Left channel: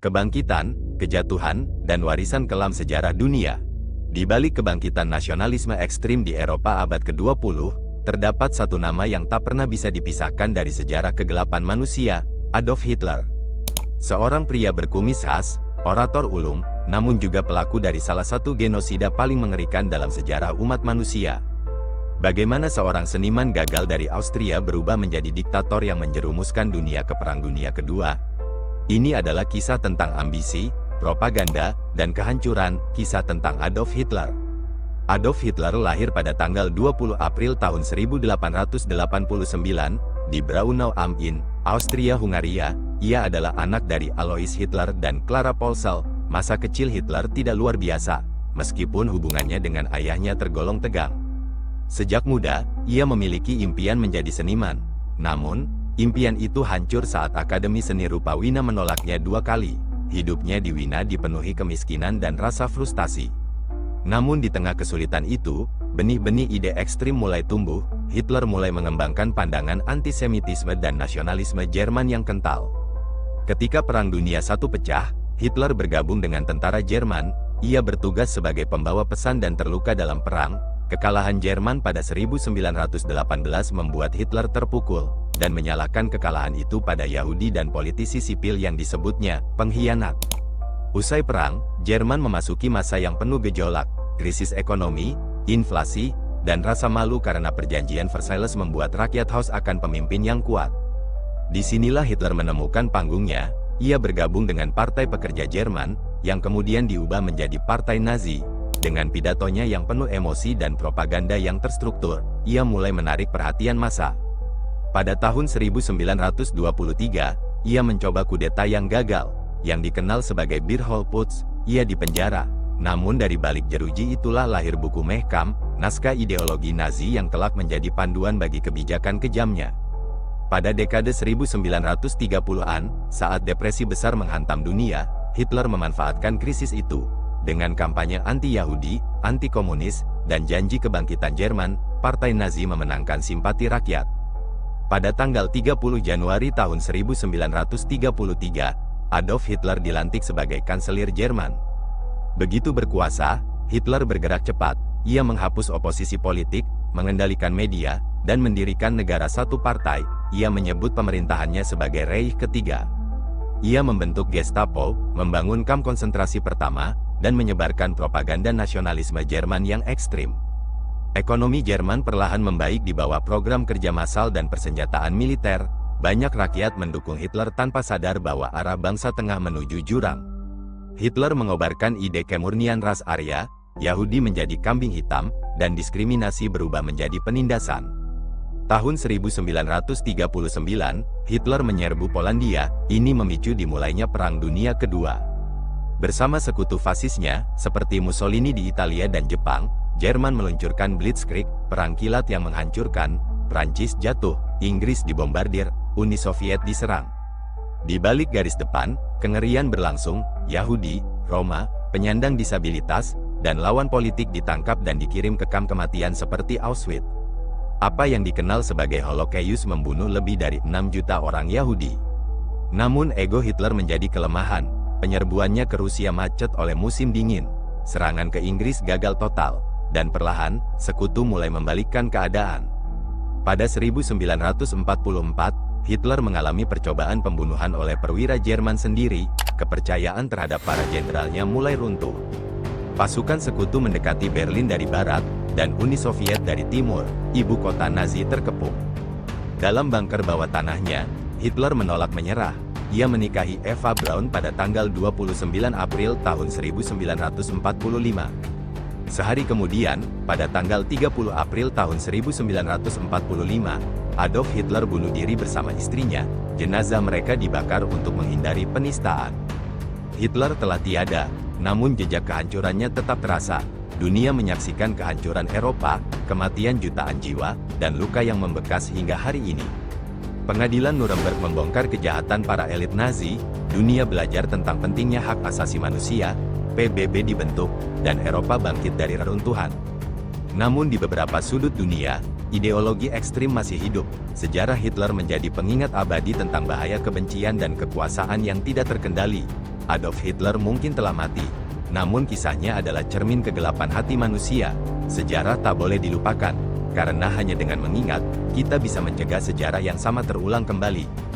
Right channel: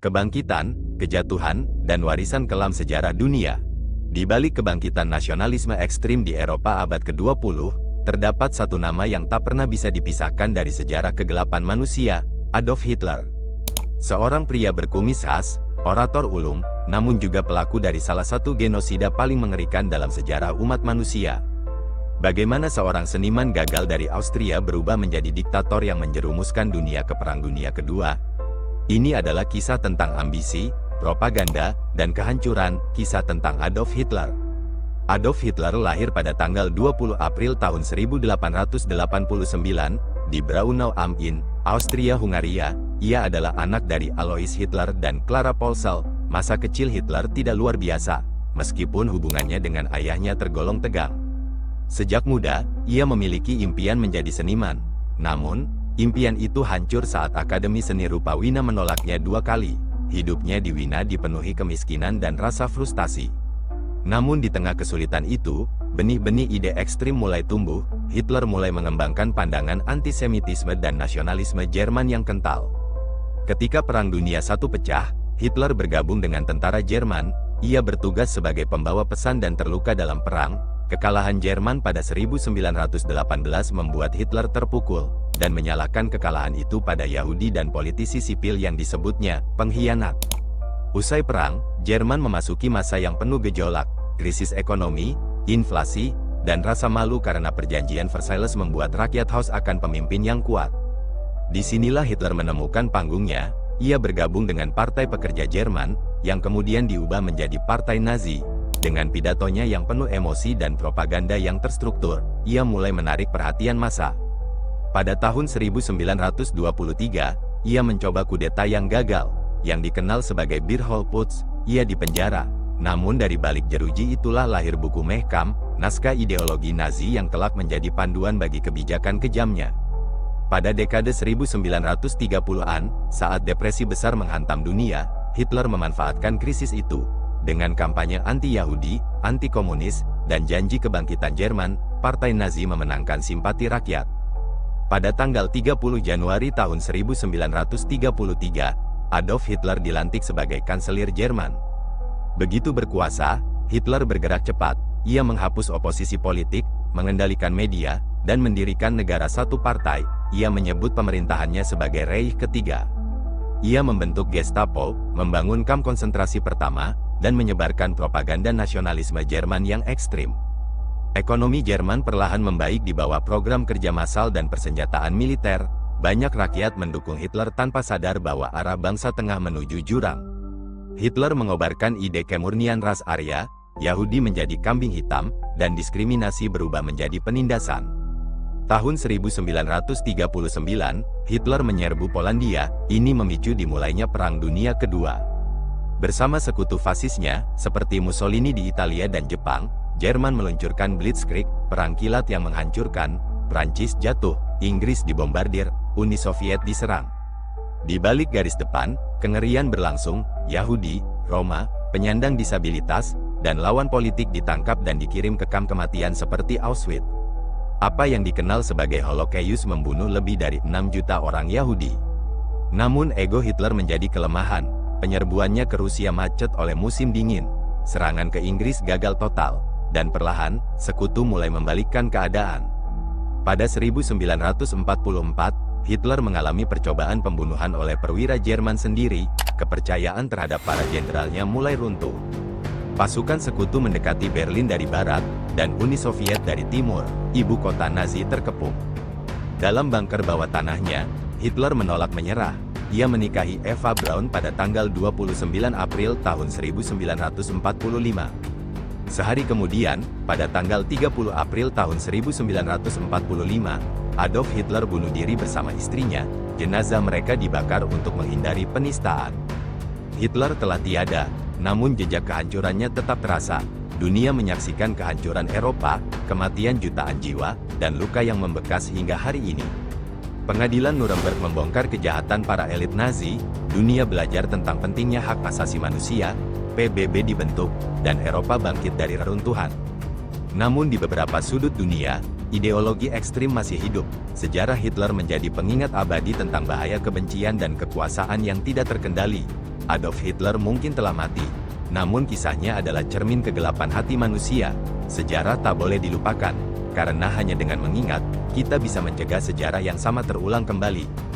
kebangkitan, kejatuhan, dan warisan kelam sejarah dunia. Di balik kebangkitan nasionalisme ekstrim di Eropa abad ke-20, terdapat satu nama yang tak pernah bisa dipisahkan dari sejarah kegelapan manusia, Adolf Hitler. Seorang pria berkumis khas, orator ulung, namun juga pelaku dari salah satu genosida paling mengerikan dalam sejarah umat manusia. Bagaimana seorang seniman gagal dari Austria berubah menjadi diktator yang menjerumuskan dunia ke Perang Dunia Kedua? Ini adalah kisah tentang ambisi, propaganda, dan kehancuran, kisah tentang Adolf Hitler. Adolf Hitler lahir pada tanggal 20 April tahun 1889, di Braunau am Inn, Austria-Hungaria. Ia adalah anak dari Alois Hitler dan Clara Polsel. Masa kecil Hitler tidak luar biasa, meskipun hubungannya dengan ayahnya tergolong tegang. Sejak muda, ia memiliki impian menjadi seniman. Namun, impian itu hancur saat Akademi Seni Rupa Wina menolaknya 2 kali. Hidupnya di Wina dipenuhi kemiskinan dan rasa frustasi. Namun di tengah kesulitan itu, benih-benih ide ekstrim mulai tumbuh. Hitler mulai mengembangkan pandangan antisemitisme dan nasionalisme Jerman yang kental. Ketika Perang Dunia I pecah, Hitler bergabung dengan tentara Jerman. Ia bertugas sebagai pembawa pesan dan terluka dalam perang. Kekalahan Jerman pada 1918 membuat Hitler terpukul, dan menyalahkan kekalahan itu pada Yahudi dan politisi sipil yang disebutnya pengkhianat. Usai perang, Jerman memasuki masa yang penuh gejolak, krisis ekonomi, inflasi, dan rasa malu karena perjanjian Versailles membuat rakyat haus akan pemimpin yang kuat. Disinilah Hitler menemukan panggungnya. Ia bergabung dengan Partai Pekerja Jerman, yang kemudian diubah menjadi Partai Nazi. Dengan pidatonya yang penuh emosi dan propaganda yang terstruktur, ia mulai menarik perhatian massa. Pada tahun 1923, ia mencoba kudeta yang gagal, yang dikenal sebagai Beerholputsch. Ia dipenjara. Namun dari balik jeruji itulah lahir buku Mein Kampf, naskah ideologi Nazi yang kelak menjadi panduan bagi kebijakan kejamnya. Pada dekade 1930-an, saat depresi besar menghantam dunia, Hitler memanfaatkan krisis itu. Dengan kampanye anti-Yahudi, anti-komunis, dan janji kebangkitan Jerman, Partai Nazi memenangkan simpati rakyat. Pada tanggal 30 Januari tahun 1933, Adolf Hitler dilantik sebagai kanselir Jerman. Begitu berkuasa, Hitler bergerak cepat. Ia menghapus oposisi politik, mengendalikan media, dan mendirikan negara satu partai. Ia menyebut pemerintahannya sebagai Reich Ketiga. Ia membentuk Gestapo, membangun kamp konsentrasi pertama, dan menyebarkan propaganda nasionalisme Jerman yang ekstrim. Ekonomi Jerman perlahan membaik di bawah program kerja massal dan persenjataan militer. Banyak rakyat mendukung Hitler tanpa sadar bahwa arah bangsa tengah menuju jurang. Hitler mengobarkan ide kemurnian ras Arya, Yahudi menjadi kambing hitam, dan diskriminasi berubah menjadi penindasan. Tahun 1939, Hitler menyerbu Polandia. Ini memicu dimulainya Perang Dunia Kedua. Bersama sekutu fasisnya, seperti Mussolini di Italia dan Jepang, Jerman meluncurkan Blitzkrieg, perang kilat yang menghancurkan. Prancis jatuh, Inggris dibombardir, Uni Soviet diserang. Di balik garis depan, kengerian berlangsung. Yahudi, Roma, penyandang disabilitas, dan lawan politik ditangkap dan dikirim ke kamp kematian seperti Auschwitz. Apa yang dikenal sebagai Holocaust membunuh lebih dari 6 juta orang Yahudi. Namun ego Hitler menjadi kelemahan. Penyerbuannya ke Rusia macet oleh musim dingin. Serangan ke Inggris gagal total. Dan perlahan, sekutu mulai membalikkan keadaan. Pada 1944, Hitler mengalami percobaan pembunuhan oleh perwira Jerman sendiri. Kepercayaan terhadap para jenderalnya mulai runtuh. Pasukan sekutu mendekati Berlin dari barat, dan Uni Soviet dari timur. Ibu kota Nazi terkepung. Dalam bunker bawah tanahnya, Hitler menolak menyerah. Ia menikahi Eva Braun pada tanggal 29 April tahun 1945. Sehari kemudian, pada tanggal 30 April tahun 1945, Adolf Hitler bunuh diri bersama istrinya. Jenazah mereka dibakar untuk menghindari penistaan. Hitler telah tiada, namun jejak kehancurannya tetap terasa. Dunia menyaksikan kehancuran Eropa, kematian jutaan jiwa, dan luka yang membekas hingga hari ini. Pengadilan Nuremberg membongkar kejahatan para elit Nazi. Dunia belajar tentang pentingnya hak asasi manusia. PBB dibentuk, dan Eropa bangkit dari reruntuhan. Namun di beberapa sudut dunia, ideologi ekstrim masih hidup. Sejarah Hitler menjadi pengingat abadi tentang bahaya kebencian dan kekuasaan yang tidak terkendali. Adolf Hitler mungkin telah mati, namun kisahnya adalah cermin kegelapan hati manusia. Sejarah tak boleh dilupakan, karena hanya dengan mengingat, kita bisa mencegah sejarah yang sama terulang kembali.